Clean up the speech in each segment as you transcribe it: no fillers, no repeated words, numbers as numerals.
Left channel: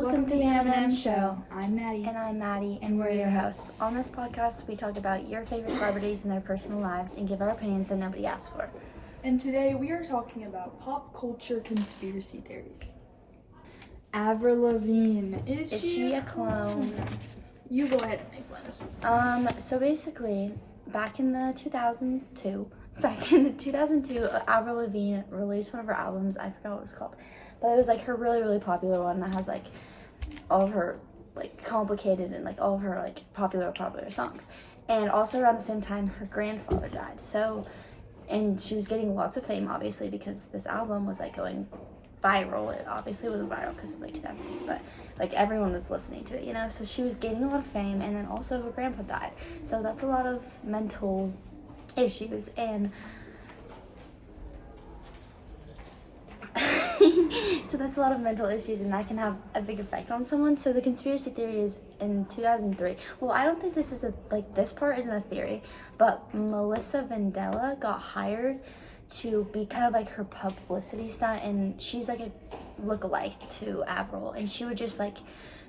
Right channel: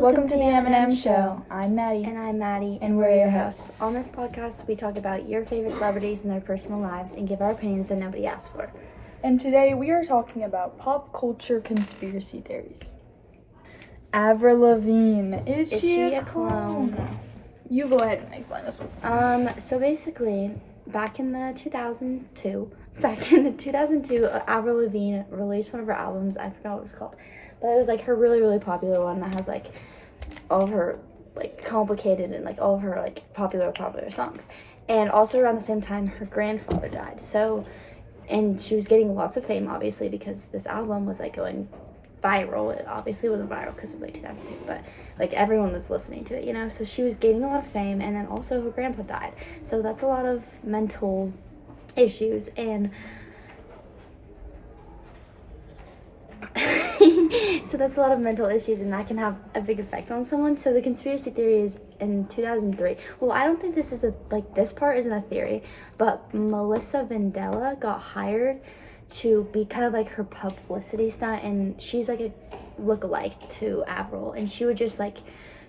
Welcome to the M&M Show. I'm Maddie. And I'm Maddie. And we're your hosts. On this podcast, we talk about your favorite celebrities and their personal lives and give our opinions that nobody asked for. And today we are talking about pop culture conspiracy theories. Avril Lavigne. Is she a clone? You go ahead and explain this one. So basically, back in the 2002, Avril Lavigne released one of her albums. I forgot what it was called. But it was like her really, really popular one that has like all of her like complicated and like all of her like popular songs. And also around the same time her grandfather died. So, and she was getting lots of fame obviously because this album was like going viral. It obviously wasn't viral because it was like 2002, but like everyone was listening to it, you know? So she was gaining a lot of fame, and then also her grandpa died. So that's a lot of mental issues, and so that's a lot of mental issues, and that can have a big effect on someone. So the conspiracy theory is in 2003. Well, I don't think this is this part isn't a theory, but Melissa Vandella got hired to be kind of like her publicity stunt, and she's like a lookalike to Avril, and she would just like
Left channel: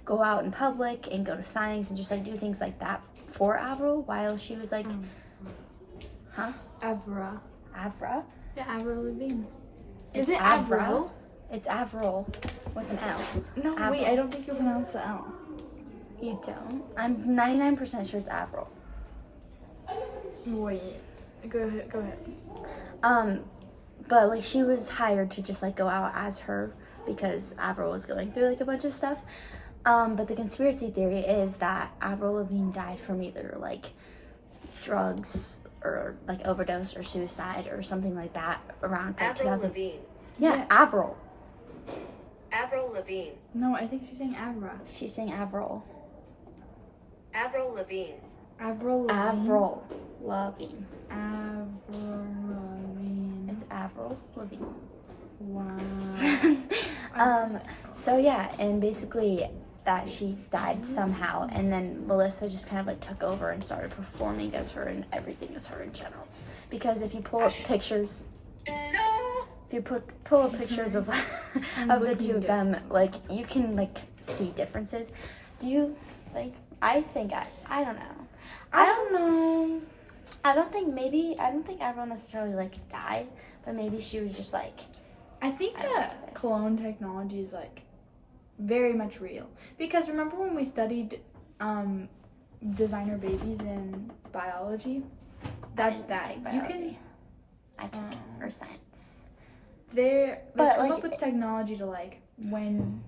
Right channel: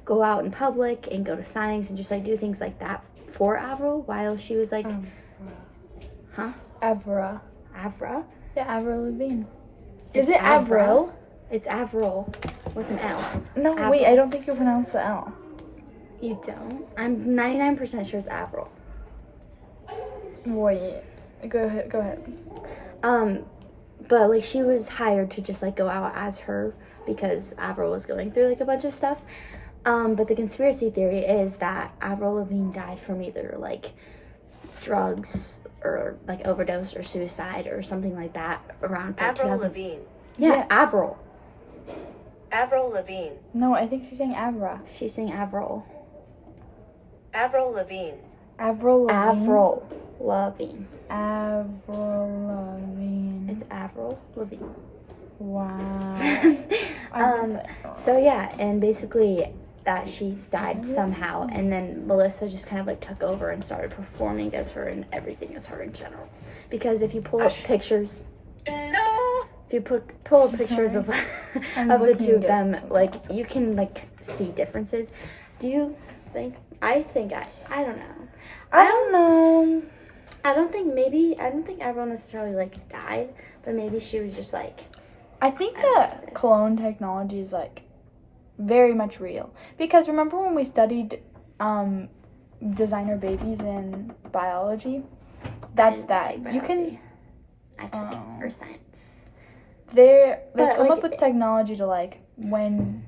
go out in public and go to signings and just like do things like that for Avril while she was like, Avra. Yeah, Avril Lavigne. Is it Avril? It's Avril with an L. No, Avril. wait, I don't think you pronounce the L. You don't? I'm 99% sure it's Avril. Wait, go ahead. But like she was hired to just like go out as her because Avril was going through like a bunch of stuff. But the conspiracy theory is that Avril Lavigne died from either like drugs or like overdose or suicide or something like that around like, Avril Lavigne. Yeah, Avril. Avril Lavigne. No, I think she's saying Avra. She's saying Avril. Avril Lavigne. Avril Lavigne. Avril Lavigne. Avril Lavigne. It's Avril Lavigne. Wow. So yeah, and basically that she died somehow, and then Melissa just kind of like took over and started performing as her and everything as her in general. Because if you pull up pictures, pull up pictures of the two of them, like you can like see differences. Do you think? I don't know. I don't know. I don't think Avril necessarily like died, but maybe she was just like. I think that clone technology is like very much real, because remember when we studied designer babies in biology? That's that. You can. I took it or science. They come up with technology to like when,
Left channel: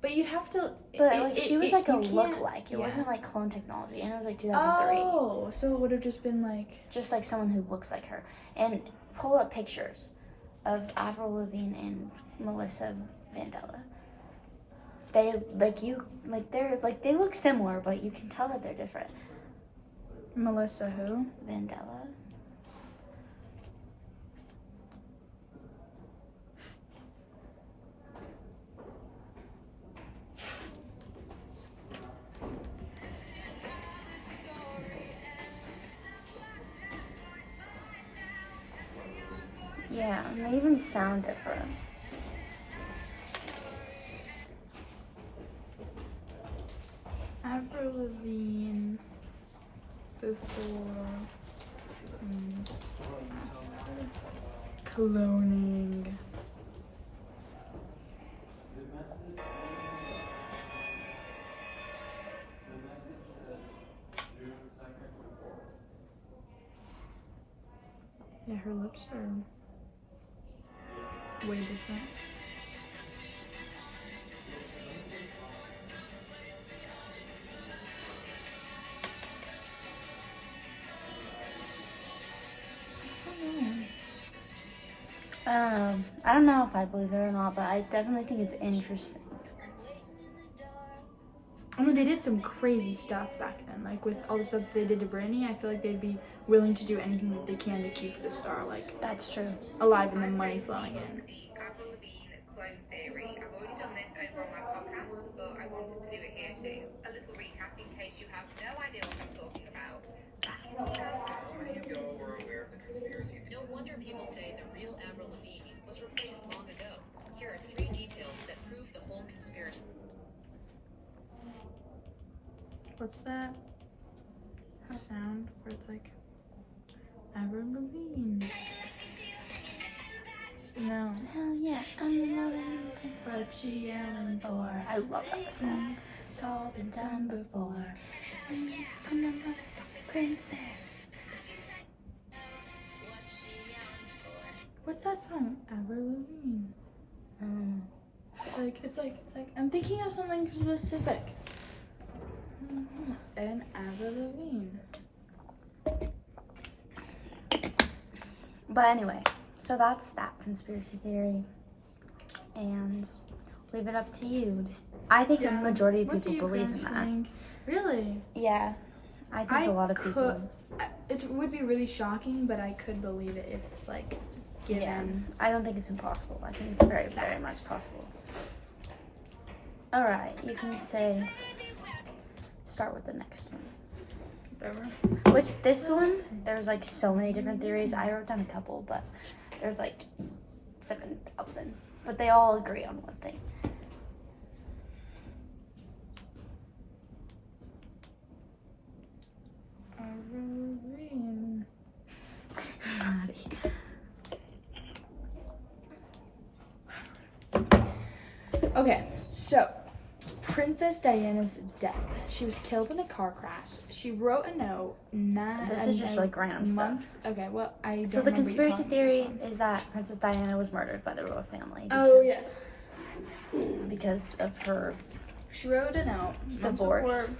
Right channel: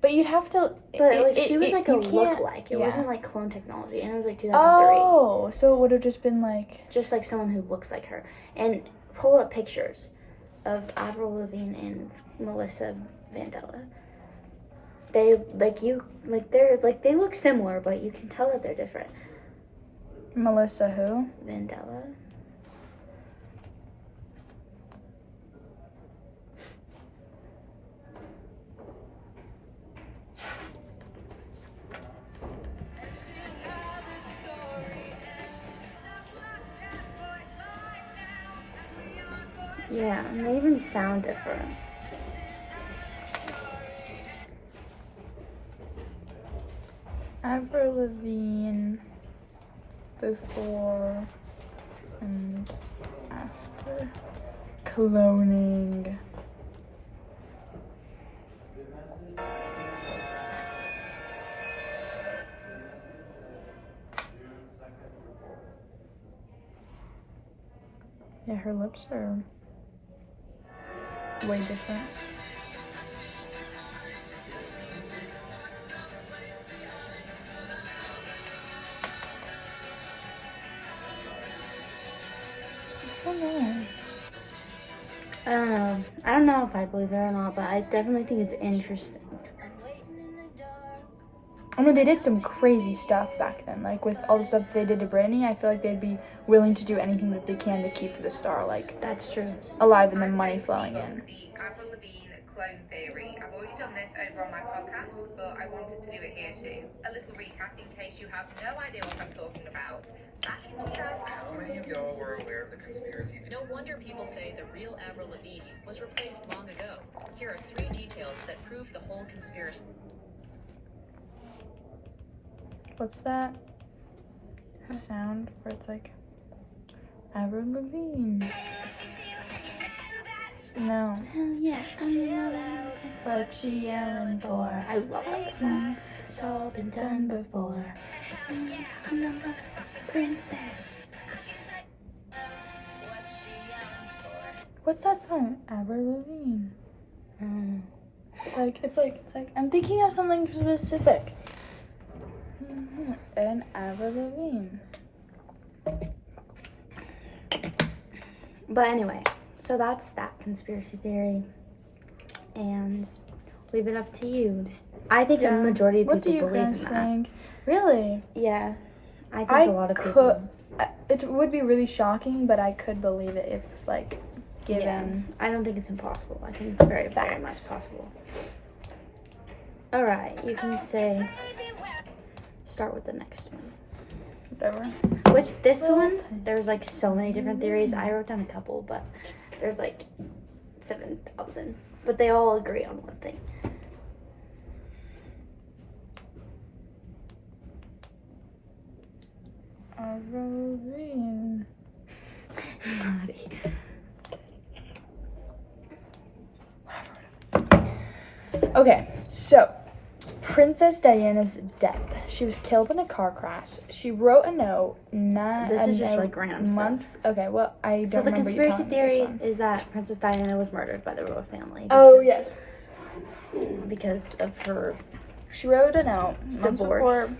but you'd have to. But like she was like a look-alike. It wasn't like clone technology, and it was like 2003. Oh, so it would have just been like just like someone who looks like her. And pull up pictures of Avril Lavigne and Melissa Vandella. They they look similar, but you can tell that they're different. Melissa who? Vandella. Yeah, and they even sound different. Avril Lavigne before and after cloning. Yeah, her lips are way different. I don't know if I believe it or not, but I definitely think it's interesting. I mean, they did some crazy stuff back then. Like, with all the stuff they did to Britney, I feel like they'd be willing to do anything that they can to keep the star, like, That's true. alive and the money flowing in. Avril Lavigne clone theory. I've already done this over on my podcast, but I wanted to do it here too. A little recap in case you have no idea what I'm talking about. Back in 2000. How many of y'all were aware of the conspiracy? No wonder people say the real Avril Lavigne was replaced long ago. Here are 3 details that prove the whole conspiracy. What's that sound where it's like Avril Lavigne? No. Hell yeah, I'm loving What she yelling for? I love that song. It's all been done before. I'm not a princess. What's that song? Avril Lavigne. It's like I'm thinking of something specific. And Avril Lavigne. But anyway, so that's that conspiracy theory. And leave it up to you. I think a majority of What do people you believe in guys that. think? Really? Yeah. I think I a lot of people. It would be really shocking, but I could believe it if, like, given. Yeah. I don't think it's impossible. I think it's very, very much possible. Alright, you can say. Start with the next one. Whatever. Which, this one, there's like so many different theories. I wrote down a couple, but there's like 7,000. But they all agree on one thing. Avril Lavigne. Naughty. Okay, so Princess Diana's death. She was killed in a car crash. She wrote a note. This is just like random month. Okay, well I don't. So the remember you conspiracy telling me this theory one. is that Princess Diana was murdered by the royal family. Oh because- yes. Because of her She wrote a note months divorce. before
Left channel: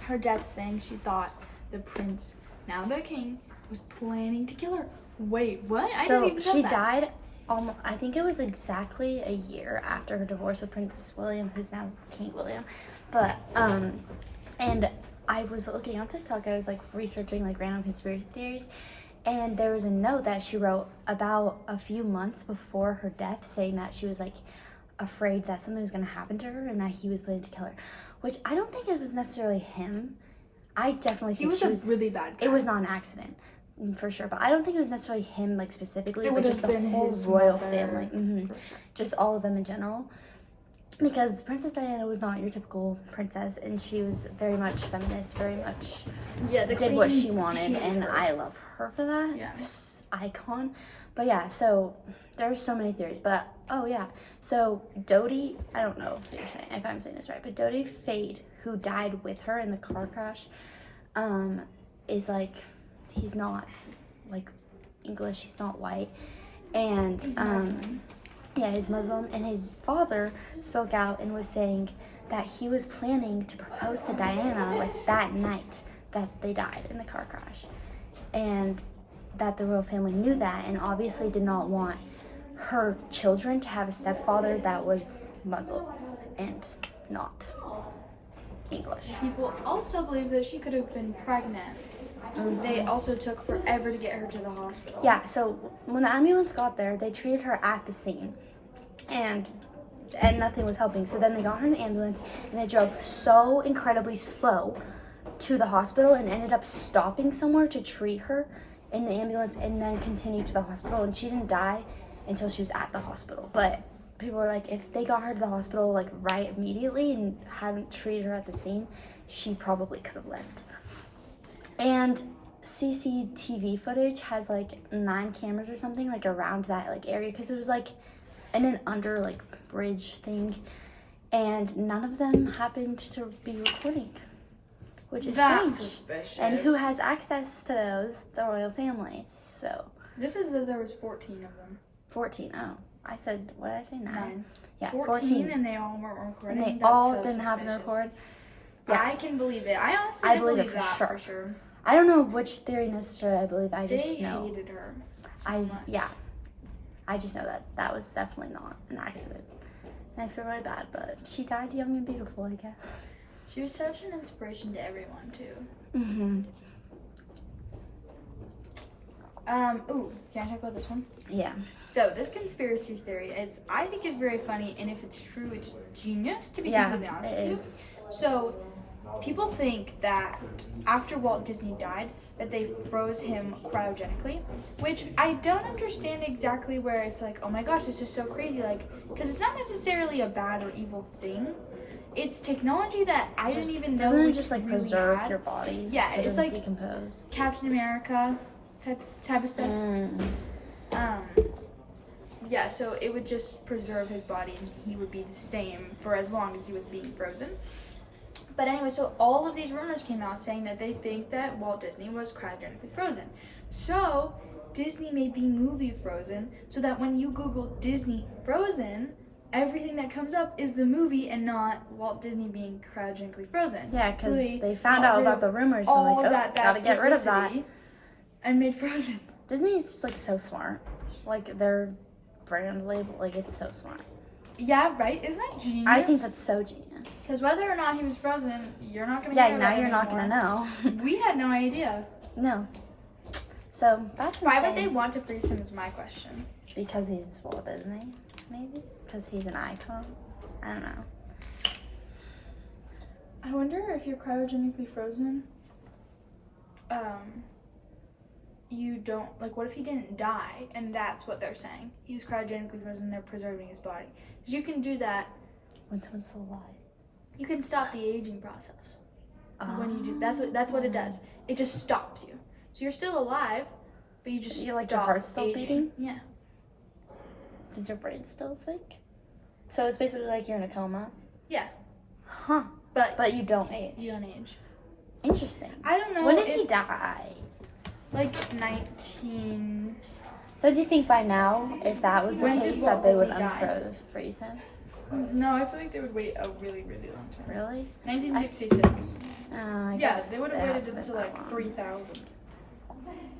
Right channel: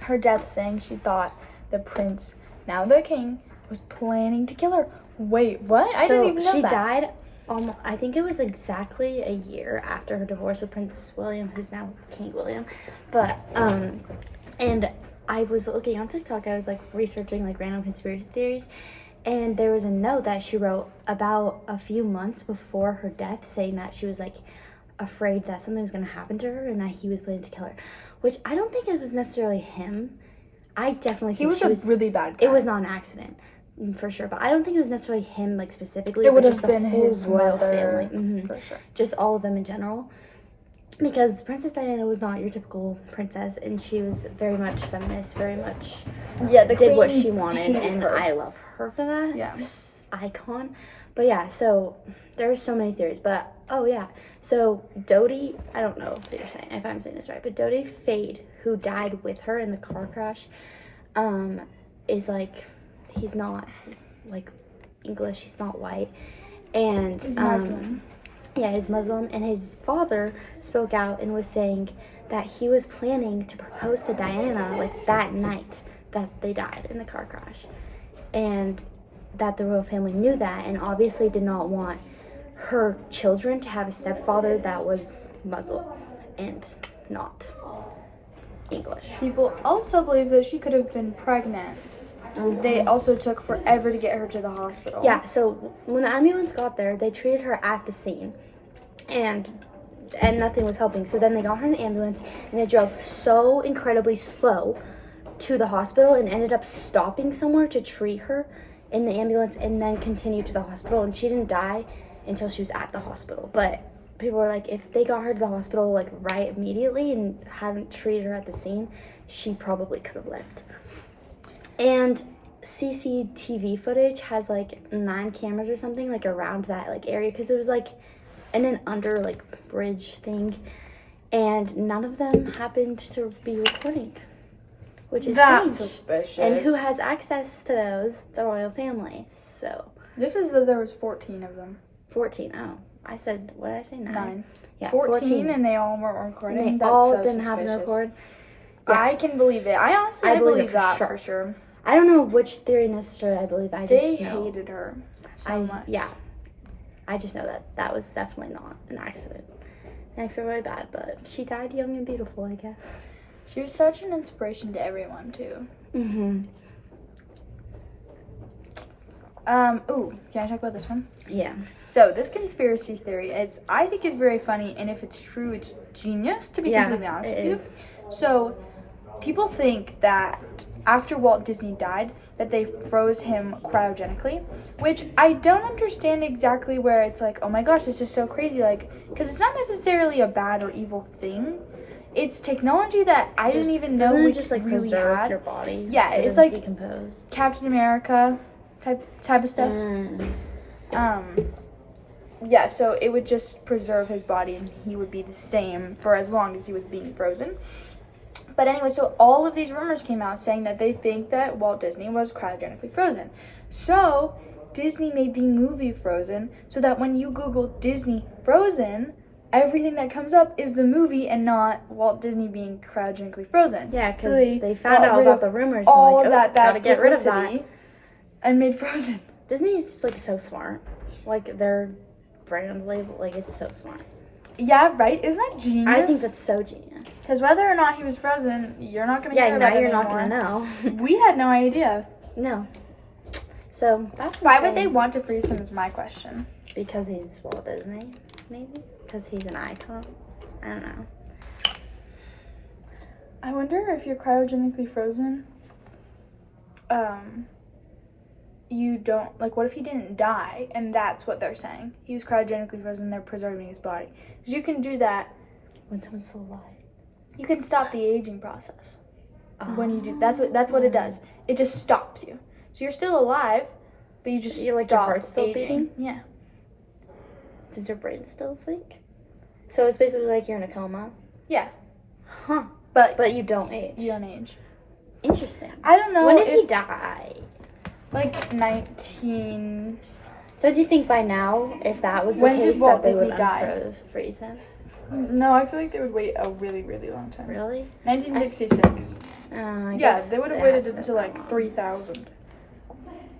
her death, saying she thought the prince, now the king, was planning to kill her. Wait, what? I so didn't even know she that. died. I think it was exactly a year after her divorce with Prince William, who's now King William. But and I was looking on TikTok. I was like researching like random conspiracy theories, and there was a note that she wrote about a few months before her death, saying that she was like afraid that something was going to happen to her and that he was planning to kill her. Which I don't think it was necessarily him. I definitely think He was she a really bad guy. It was not an accident, for sure. But I don't think it was necessarily him, like specifically. It but would just have the been whole his royal mother, family. Mhm. for sure. Just all of them in general. Because Princess Diana was not your typical princess, and she was very much feminist, very much Yeah, the did what queen she wanted, hated and her. I love her for that. Yeah. Icon. But yeah, so there's so many theories. But oh yeah, so Dodi, I don't know if I'm saying this right, but Dodi Fade, who died with her in the car crash, is like, he's not like English, he's not white, and He's Muslim. yeah, he's Muslim, and his father spoke out and was saying that he was planning to propose to Diana like that night that they died in the car crash, and that the royal family knew that and obviously did not want her children to have a stepfather that was Muslim and not English. People also believe that she could have been pregnant. They also took forever to get her to the hospital. Yeah, so when the ambulance got there, they treated her at the scene, and nothing was helping. So then they got her in the ambulance, and they drove so incredibly slow to the hospital and ended up stopping somewhere to treat her in the ambulance and then continue to the hospital. And she didn't die until she was at the hospital. But people were like, if they got her to the hospital like right immediately and hadn't treated her at the scene, she probably could have lived. And CCTV footage has like 9 cameras or something like around that like area, because it was like in an under like bridge thing, and none of them happened to be recording, which is That's strange. suspicious. And who has access to those? The royal family. So This is that there was 14 of them. 14. Oh, I said, what did I say? 9. Yeah, 14 and they all weren't recording. And they That's all so didn't happen to suspicious. record. Yeah. I can believe it. I honestly I believe it believe for that sure. for sure. I don't know which theory necessarily I believe. I just They know. hated her so much. Yeah. I just know that that was definitely not an accident. And I feel really bad, but she died young and beautiful, I guess. She was such an inspiration to everyone too. Mm-hmm. Ooh, can I talk about this one? Yeah. So this conspiracy theory is, I think, is very funny, and if it's true, it's genius. To be Yeah, completely honest it with you. is. So people think that after Walt Disney died, that they froze him cryogenically, which I don't understand exactly where it's like, oh my gosh, this is so crazy, like, because it's not necessarily a bad or evil thing. it's technology that I didn't even know Doesn't we it just like really preserve had. your body? Yeah, so it it's doesn't like- decompose. Captain America type of stuff. Yeah, so it would just preserve his body and he would be the same for as long as he was being frozen. But anyway, so all of these rumors came out saying that they think that Walt Disney was cryogenically frozen. So Disney made the movie Frozen so that when you Google Disney Frozen, everything that comes up is the movie and not Walt Disney being cryogenically frozen. Yeah, because So they found got out rid about of the rumors. all And like, that gotta get rid of that. publicity and made Frozen. Disney's like so smart. Like their brand label, like it's so smart. Yeah, right? Isn't that genius? I think that's so genius. Because whether or not he was frozen, you're not gonna. Yeah, hear now about it you're not anymore. gonna know. We had no idea. No. So that's Why would they insane. want to freeze him? Is my question. Because he's Walt Disney, maybe. Because he's an icon. I don't know. I wonder if you're cryogenically frozen. You don't like. What if he didn't die? And that's what they're saying. He was cryogenically frozen. They're preserving his body. Because you can do that. When someone's still alive. You can stop the aging process. When you do that's what it does. It just stops you. So you're still alive, but you just You're like, your stop heart's still aging. beating? Yeah. Does your brain still think? So it's basically like you're in a coma. Yeah. Huh. But But you don't age. you don't age. Interesting. I don't know. When did if, he die? Like 19. Don't you think by now, if that was the When did case, Walt that they would Disney die? freeze him? No, I feel like they would wait a really, really long time. Really? 1966. I Yeah, guess they would have it waited hasn't been until that like long. 3000.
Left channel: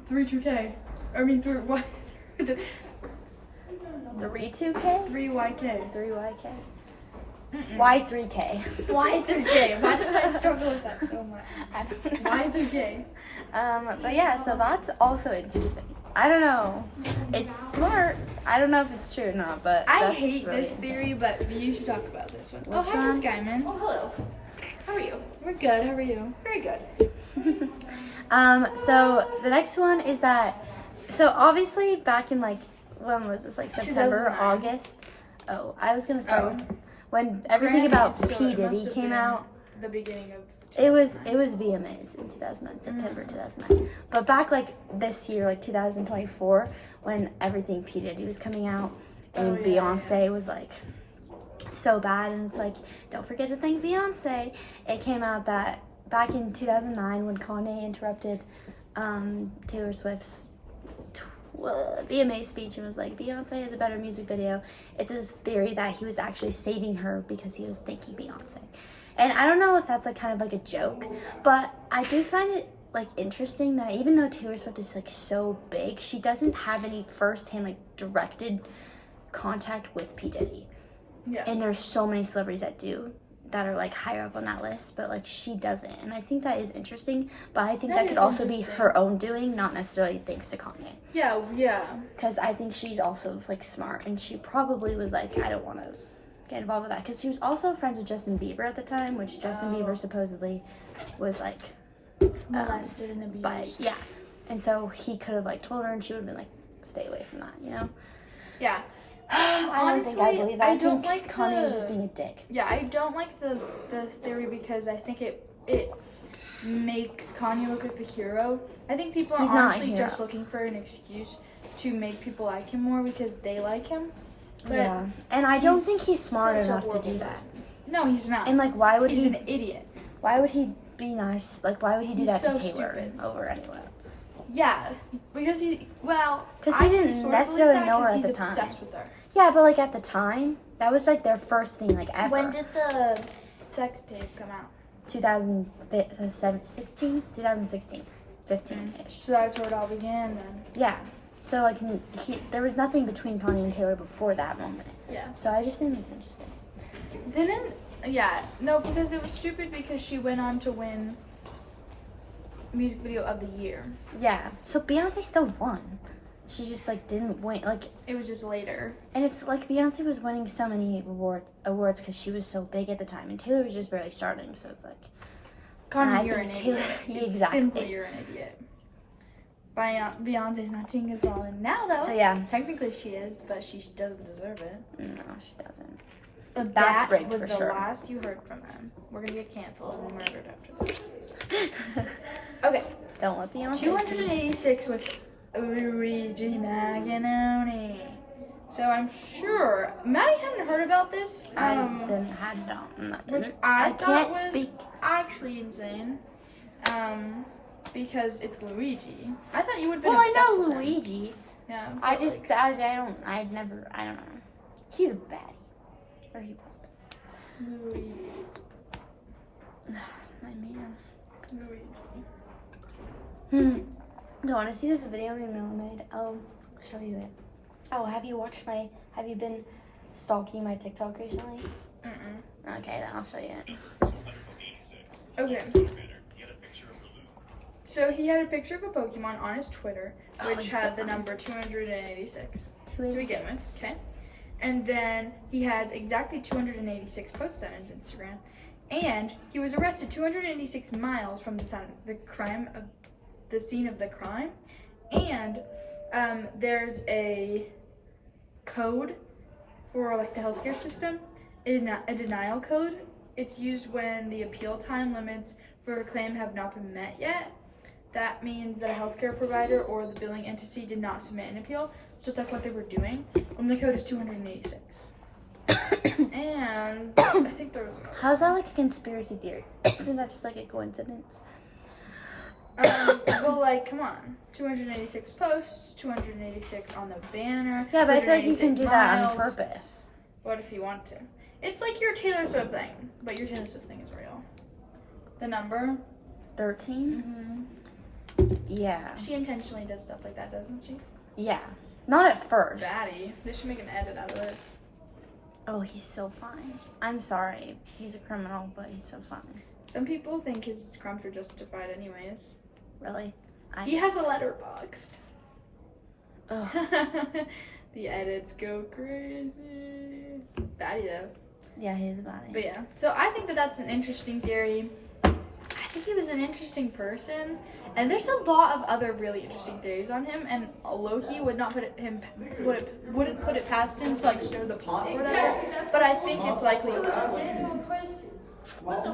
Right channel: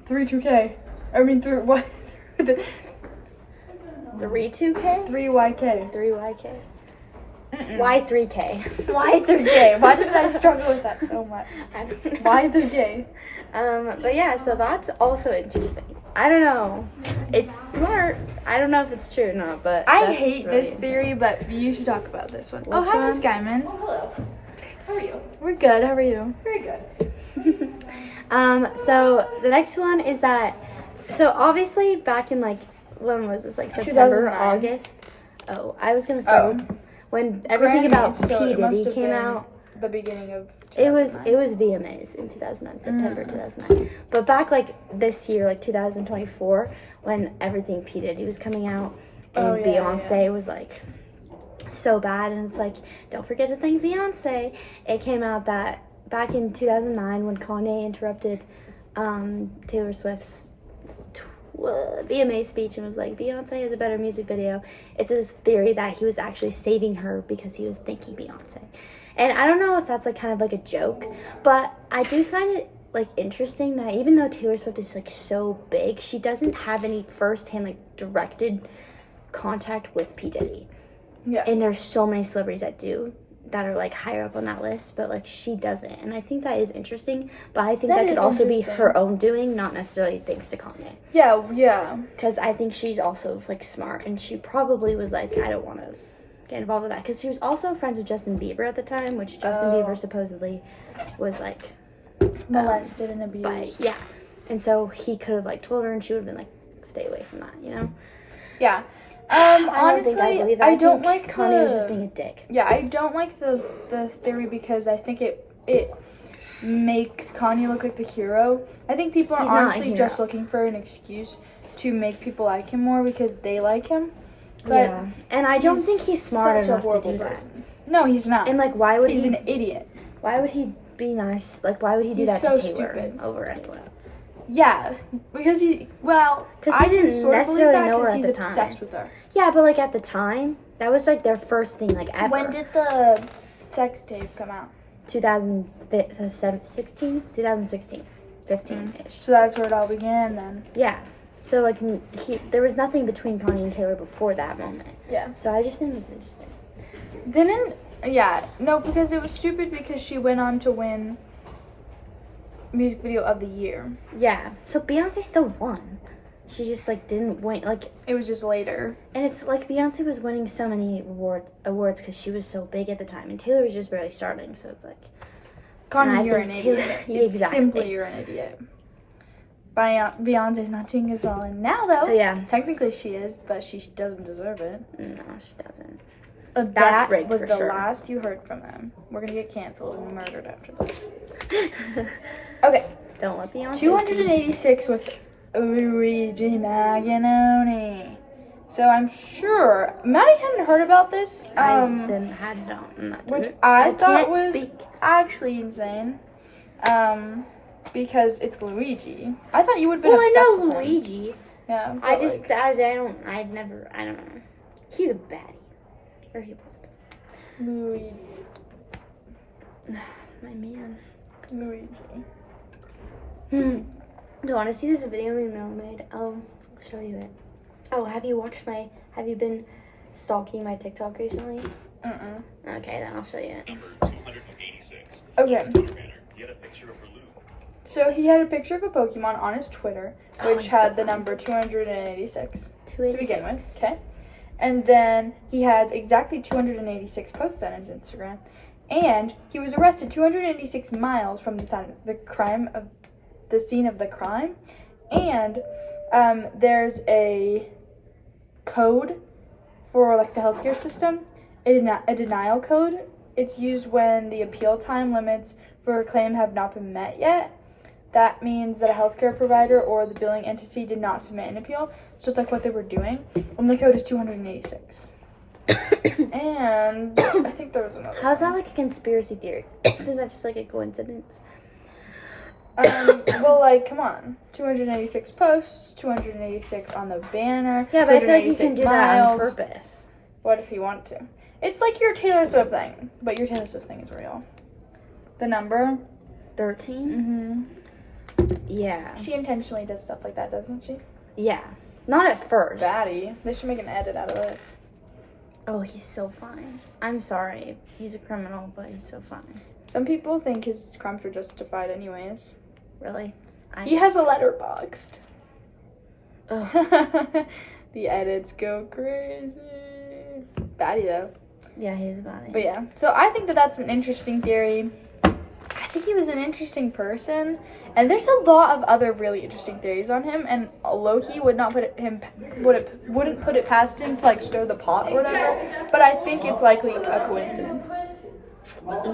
32K. I mean, what? 3-2K? 3YK. 3YK? Mm-mm. Why 3K? Why 3K? Why did I struggle with that so much? I don't know. Why 3K? But yeah, so that's also interesting. I don't know. It's smart. I don't know if it's true or not, but I that's hate really this insane. theory, but you should talk about this one. Which oh, hi, Miss one? Guyman. Oh, hello. How are you? We're good. How are you? Very good. So the next one is that, so obviously back in like, when was this, like September, 2009. August? Oh, I was gonna start Oh. with when everything Grammys, about so P. it must Diddy have came been out. The beginning of. It was 2009. VMAs in 2009, September 2009. But back like this year, like 2024, when everything P. Diddy was coming out, and Oh, yeah, Beyonce was like so bad, and it's like, don't forget to thank Beyonce. It came out that back in 2009 when Kanye interrupted Taylor Swift's VMA speech and was like, Beyonce has a better music video. It's this theory that he was actually saving her because he was thanking Beyonce. And I don't know if that's like kind of like a joke, but I do find it like interesting that even though Taylor Swift is like so big, she doesn't have any firsthand like directed contact with P. Diddy. Yeah. And there's so many celebrities that are like higher up on that list, but like she doesn't. And I think that is interesting, but I think That that could is also be interesting. her own doing, not necessarily thanks to Kanye. Yeah. Yeah. Because I think she's also like smart, and she probably was like, I don't want to get involved with that. Because she was also friends with Justin Bieber at the time, which Justin Oh. Bieber supposedly was like Molested and abused. by, yeah. And so he could have like told her, and she would have been like, stay away from that, you know? Yeah. I don't Honestly, think I believe that. I don't think like Kanye was the- just being a dick. Yeah, I don't like the theory because I think it makes Kanye look like the hero. I think people are He's not a honestly hero. just looking for an excuse to make people like him more because they like him. But Yeah. And I don't think he's smart such a enough to horrible do that. person. No, he's not. And like, why would he's he? an idiot. Why would he be nice? Like, why would he do He's that so to Taylor stupid. over anyone else? Yeah, because he 'Cause I he can didn't sort of believe necessarily that know her 'cause at he's the time. obsessed with her. Yeah, but like at the time, that was like their first thing, like ever. When did the sex tape come out? 2016, 15-ish. So that's where it all began then. Yeah. So like there was nothing between Kanye and Taylor before that moment. Yeah. So I just think it's interesting. Because it was stupid because she went on to win music video of the year. Yeah. So Beyonce still won. She just like didn't win. Like, It was just later. and it's like Beyonce was winning so many awards because she was so big at the time, and Taylor was just barely starting. So it's like, And I Kanye, you're an think idiot. Taylor- It's exactly. simply you're an idiot. Beyonce's not doing as well now though. so yeah. Technically she is, but she doesn't deserve it. No, she doesn't. But That's that rigged was for the sure. last you heard from them. We're gonna get canceled and murdered after this. Okay, Don't let Beyonce see. 286 with Luigi Maganoni. So I'm sure Maddie hadn't heard about this. Which I thought can't was speak. actually insane. Because it's Luigi. I thought you would have been Well, I obsessed know with him. Luigi. Yeah. I but, just, like, I don't know. He's a baddie. Or he was a baddie. Luigi. My man. Luigi. Do you want to see this video my mom made? I'll show you it. Oh, have you been stalking my TikTok recently? Okay, then I'll show you it. Okay. So he had a picture of a Pokemon on his Twitter, which he's had so the funny. number 286 to begin with. 286. Okay. And then he had exactly 286 posts on his Instagram. And he was arrested 286 miles from the scene of the crime. And there's a code for like the healthcare system, a denial code. It's used when the appeal time limits for a claim have not been met yet. That means that a healthcare provider or the billing entity did not submit an appeal. So it's like what they were doing. And the code is 286. And I think there was another. How's that like a conspiracy theory? Isn't that just like a coincidence? Well, like, come on. 286 posts, 286 on the banner. Yeah, but I feel like you can 286 do that on miles. purpose. What if you want to? It's like your Taylor Swift thing, but your Taylor Swift thing is real. The number? 13? Yeah. She intentionally does stuff like that, doesn't she? Yeah. Not at first. Batty. They should make an edit out of this. Oh, he's so fine. I'm sorry. He's a criminal, but he's so fine. Some people think his crimes were justified anyways. Really? He has a letterboxd. Ugh. The edits go crazy. Batty though. Yeah, he's a body. But yeah, so I think that that's an interesting theory. I think he was an interesting person, and there's a lot of other really interesting theories on him. And Loki wouldn't put it past him to like stir the pot or whatever. But I think it's likely a coincidence.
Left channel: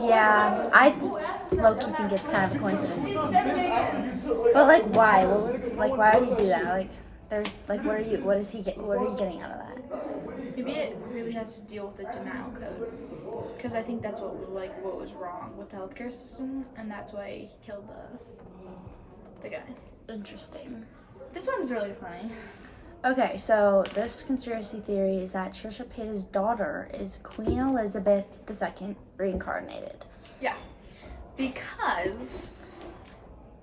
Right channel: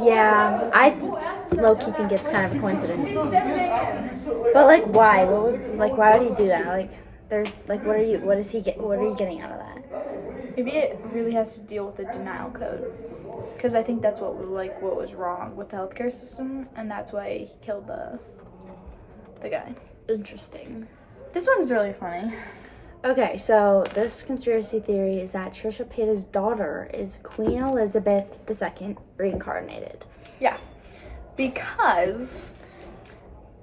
Yeah, I low-key think it's kind of a coincidence. But like, why? Why would he do that? Like, there's like, what are you getting out of that? Maybe it really has to deal with the denial code, because I think that's what was wrong with the healthcare system, and that's why he killed the guy. Interesting. This one's really funny. Okay, so this conspiracy theory is that Trisha Paytas' daughter is Queen Elizabeth II reincarnated. Yeah, because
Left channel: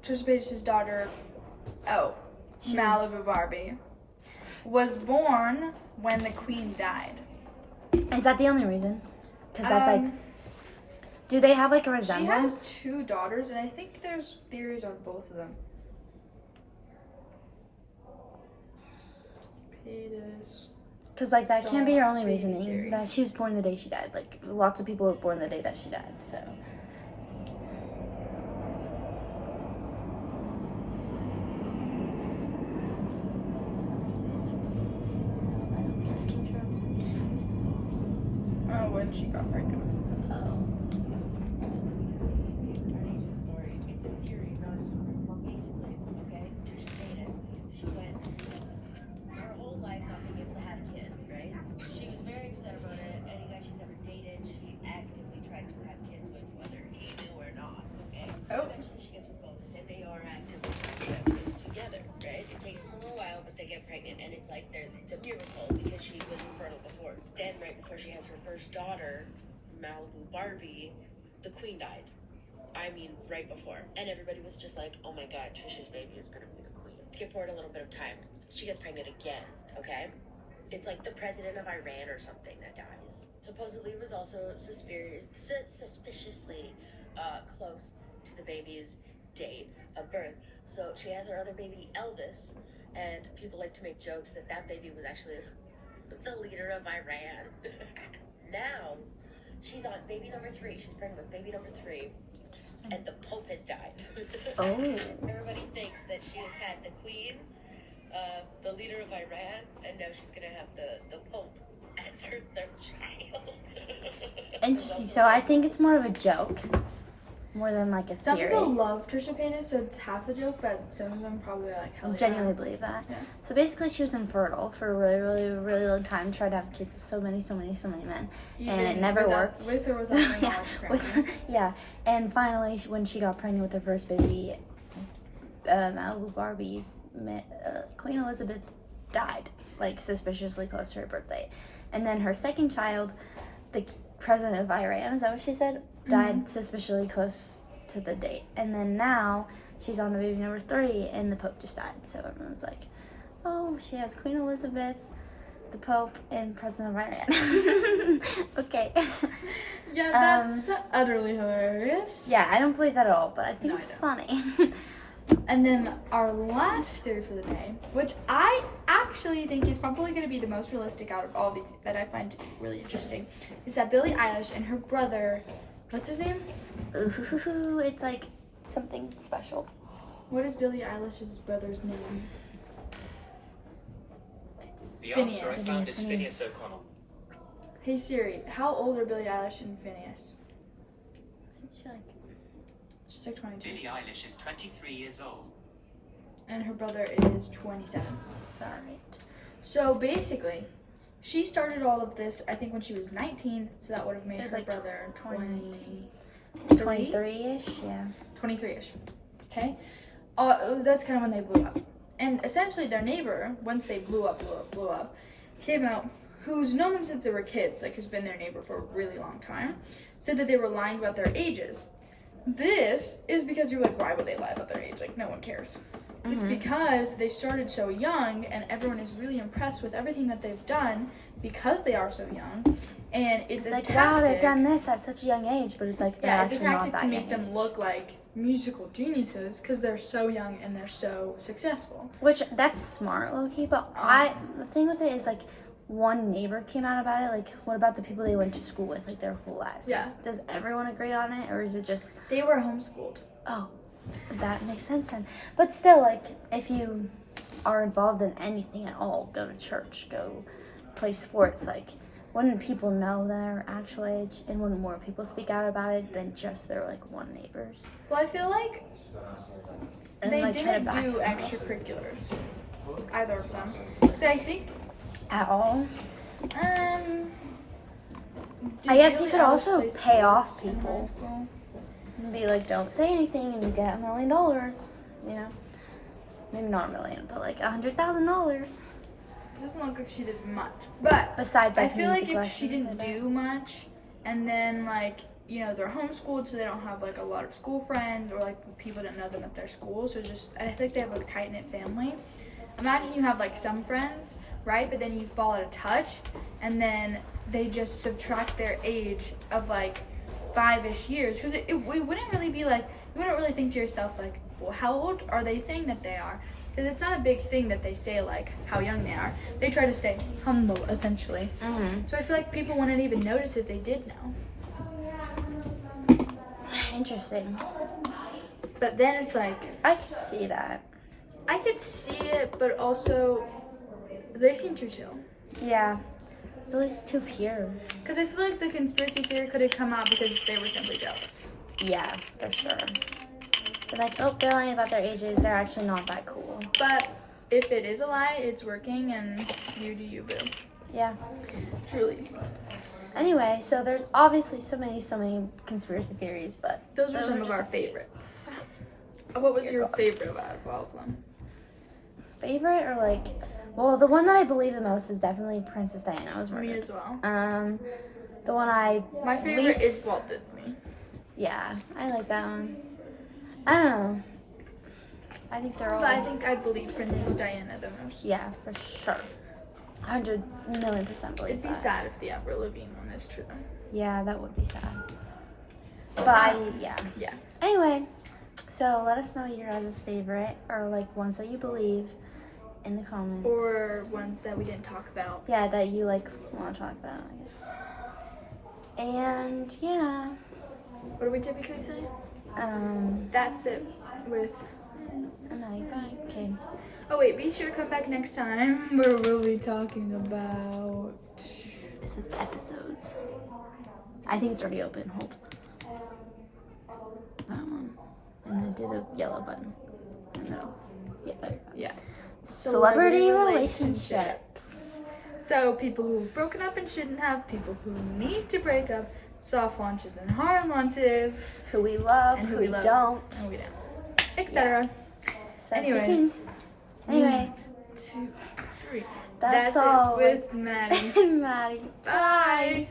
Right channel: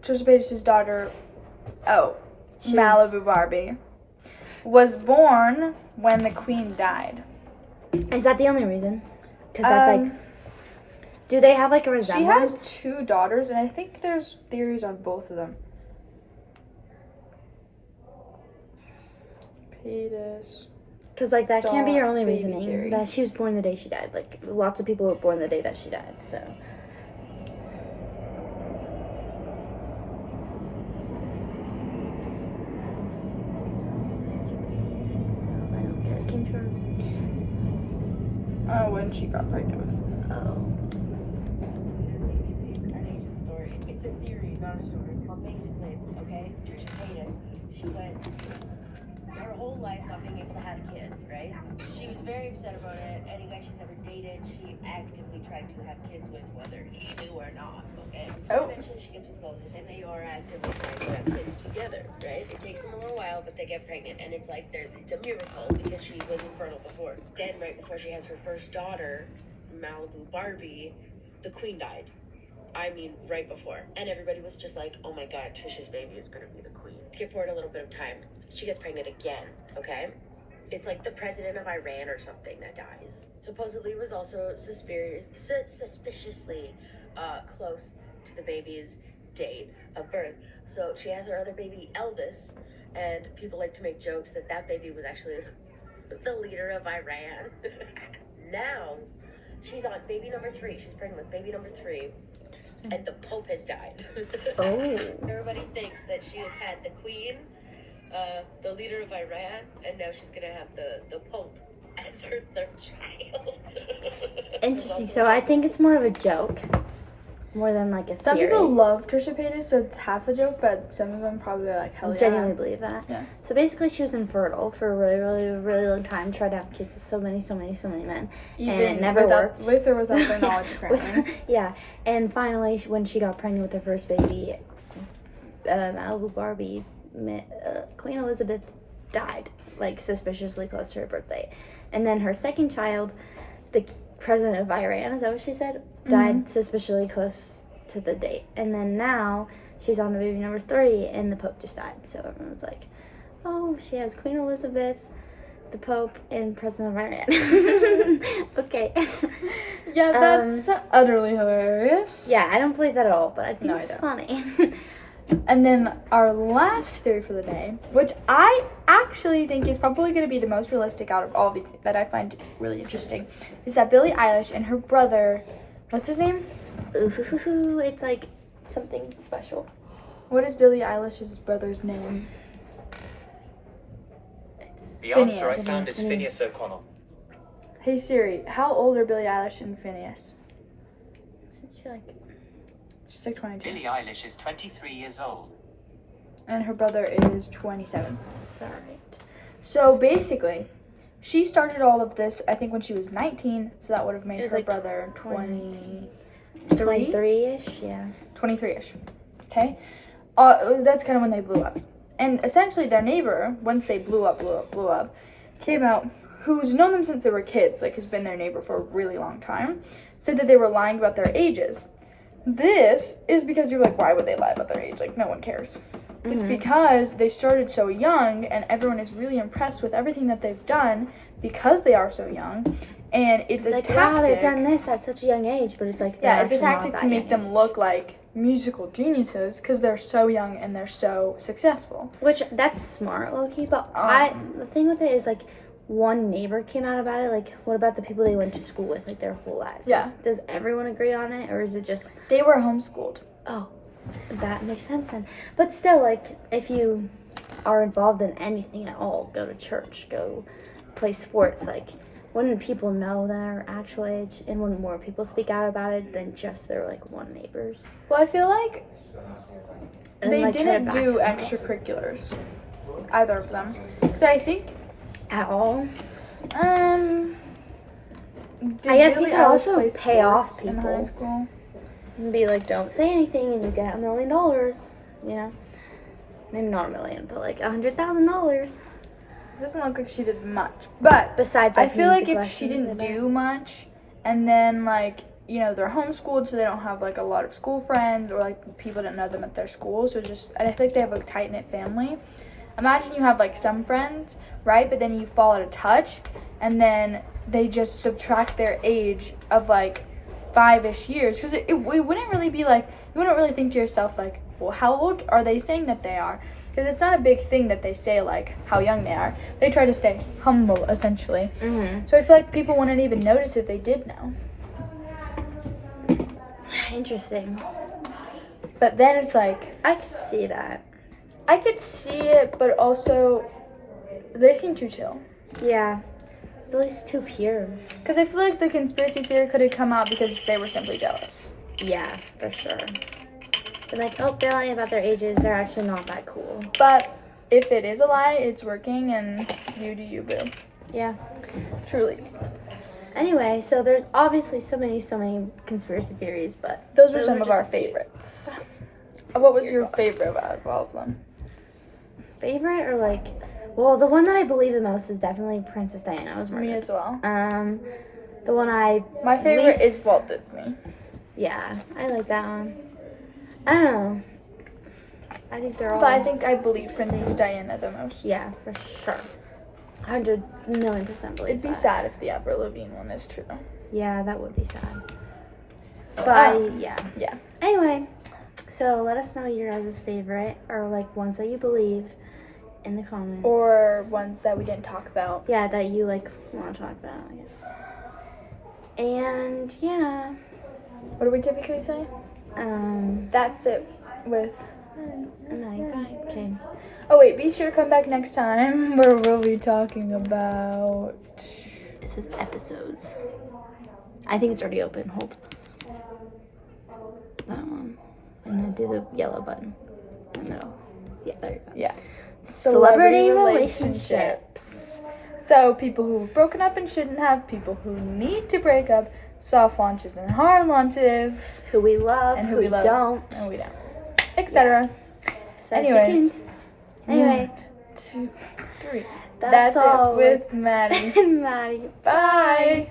Trisha Paytas' daughter, Malibu Barbie, was born when the Queen died. Is that the only reason? Because that's like, do they have like a She resemblance? has 2 daughters, and I think there's theories on both of them. Paytas. Because like that can't be your only baby reasoning. theory. That she was born the day she died. Like lots of people were born the day that she died. So. When she got pregnant with. Oh. Amazing story. It's a theory, not a story. Well, basically, okay, Trisha Paytas, she went her whole life not being able to have kids, right? She was very upset about it. Any guy she's ever dated, she actively tried to have kids with, whether he knew or not, okay? Oh. Eventually she gets with Moses, and they are actively trying to have kids together, right? It takes them a little while, but they get pregnant, and it's like it's a miracle because she was infertile before. Then, right before she has her first daughter, Malibu Barbie, the Queen died. I mean, right before. And everybody was just like, oh my god, Trisha's baby is gonna be the queen. Skip forward a little bit of time. She gets pregnant again, okay? It's like the president of Iran or something that dies. Supposedly was also suspiciously close to the baby's date of birth. So she has her other baby, Elvis, and people like to make jokes that that baby was actually the leader of Iran. Now, she's on baby number 3. She's pregnant with baby number 3. And the Pope has died. Oh. Everybody thinks that she has had the Queen, the leader of Iran, and now she's gonna have the Pope as her third child. Interesting. So I think it's more of a joke, more than like a Some theory. people love Trisha Paytas, so it's half a joke, but some of them probably are like, hell I yeah. genuinely believe that. Yeah. So basically, she was infertile for a really, really, really long time. Tried to have kids with so many men, and it never worked. With or without their Yeah, knowledge, apparently. yeah. And finally, when she got pregnant with her first baby, Malibu Barbie, Queen Elizabeth died, like suspiciously close to her birthday. And then her second child, the president of Iran, is that what she said? Died suspiciously close to the date. And then now she's on to baby number 3, and the Pope just died. So everyone's like, oh, she has Queen Elizabeth, the Pope, and President of Iran. Okay. Yeah, that's utterly hilarious. Yeah, I don't believe that at all, but I think No, I it's don't. funny. And then our last theory for the day, which I actually think is probably going to be the most realistic out of all these that I find really interesting, is that Billie Eilish and her brother, what's his name? Ooh, it's like something special. What is Billie Eilish's brother's name? It's The answer I Phineas. found is Phineas. Phineas O'Connell. Hey Siri, how old are Billie Eilish and Phineas? isn't she like She's like 22. Billie Eilish is 23 years old. And her brother is 27. sorry. So basically, she started all of this, I think, when she was 19, so that would have made It was her like brother 20. 23? 23-ish, yeah. 23-ish. Okay? That's kind of when they blew up. And essentially their neighbor, once they blew up, came out, who's known them since they were kids, like who's been their neighbor for a really long time, said that they were lying about their ages. This is because you're like, why would they lie about their age? Like, no one cares. It's because they started so young, and everyone is really impressed with everything that they've done because they are so young. And it's a Like, tactic. wow, they've done this at such a young age, but it's like, they're Yeah, it's a actually not tactic that to make young them age. look like musical geniuses because they're so young and they're so successful. Which, that's smart, low-key, but the thing with it is, like, one neighbor came out about it. Like, what about the people they went to school with, like, their whole lives? Yeah. Like, does everyone agree on it, or is it just, They were homeschooled. oh, that makes sense then. But still, like, if you are involved in anything at all, go to church, go play sports, like, wouldn't people know their actual age, and wouldn't more people speak out about it than just their, like, one neighbors? Well, I feel like And, they like, try to didn't back do them up. extracurriculars, either of them. So I think, At all? did I guess you Billie could Eilish also play pay off sports in people. high school? And be like, don't say anything, and you get $1 million, you know? Maybe not $1 million, but like $100,000. It doesn't look like she did much, but Besides, I like, feel like music if she lessons, didn't I bet. do much, and then like, you know, they're homeschooled, so they don't have like a lot of school friends, or like people didn't know them at their school, so just, and I feel like they have a tight knit family. Imagine you have like some friends, right? But then you fall out of touch, and then they just subtract their age of like 5-ish years, because it wouldn't really be like, you wouldn't really think to yourself like, well, how old are they saying that they are? Because it's not a big thing that they say like how young they are. They try to stay humble, essentially. Mm-hmm. So I feel like people wouldn't even notice if they did know. Interesting. But then it's like, I could see that. I could see it, but also they seem too chill. Yeah. Billy's too pure. Because I feel like the conspiracy theory could have come out because they were simply jealous. Yeah, for sure. They're like, oh, they're lying about their ages. They're actually not that cool. But if it is a lie, it's working, and you do you, boo. Yeah. Truly. Anyway, so there's obviously so many conspiracy theories, but Those are some were of just our a few. favorites. What was Your your thoughts? favorite out of all of them? Favorite or like, well, the one that I believe the most is definitely Princess Diana was murdered. Me as well. The one I My favorite least- is Walt Disney. Yeah, I like that one. I don't know. I think they're all. But I think I believe Princess Diana the most. Yeah, for sure. 100 million % believe It'd be that. sad if the Avril Lavigne one is true. Yeah, that would be sad. But yeah. Yeah. Anyway, so let us know your guys' favorite or like ones that you believe in the comments. Or ones that we didn't talk about. yeah, that you like want to talk about, I guess. And yeah, What do we typically say? I'm That's it with... okay. Oh wait, be sure to come back next time where we'll be talking about it says episodes. I think it's already open. Hold. That one. And then do the yellow button in the middle. Yeah, there you go. Yeah. Celebrity relationships. So people who've broken up and shouldn't have, people who need to break up, soft launches and hard launches, Who we love, and who we love, don't. and we don't, etc. So Anyways. stay tuned. Anyway, 1, 2, 3. that's It all with Maddie. with Maddie. Bye.